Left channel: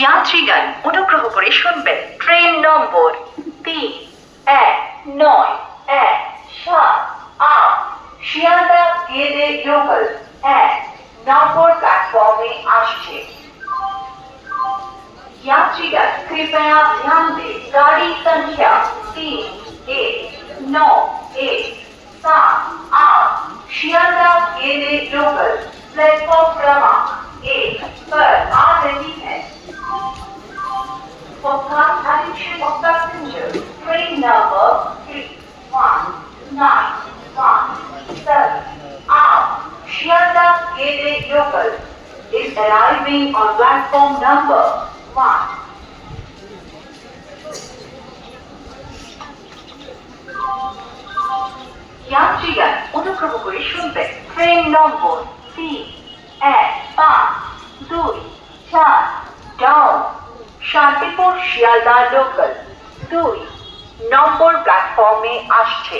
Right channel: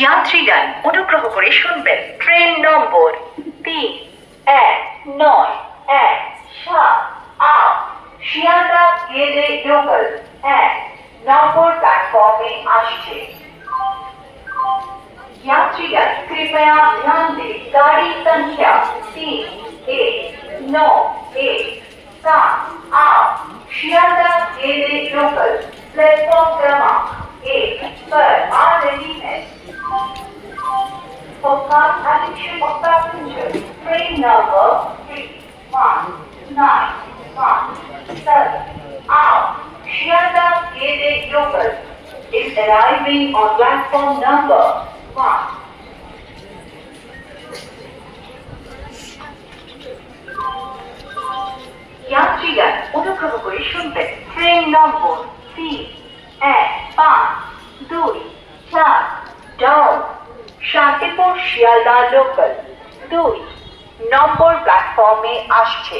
যাত্রীগণ অনুগ্রহ করে শুনবেন ট্রেন নম্বর 31917 শিয়ালদা গেদে লোকাল 1 নম্বর प्लेटफॉर्म में আসছে। यात्रीगण कृपया ध्यान दें गाड़ी संख्या 31917 शियालदा गेदे लोकल प्लेटफॉर्म क्रमांक 1 पर आ रही है। For kind attention of passengers, train number 3197 Shialda Gede local is arriving on platform number 1. यात्रीगण অনুগ্রহ করে শুনবেন ট্রেন নম্বর 31524 ডাউন শান্তিপুর শিয়ালদা লোকাল 2 নম্বর প্ল্যাটফর্মে আসছে।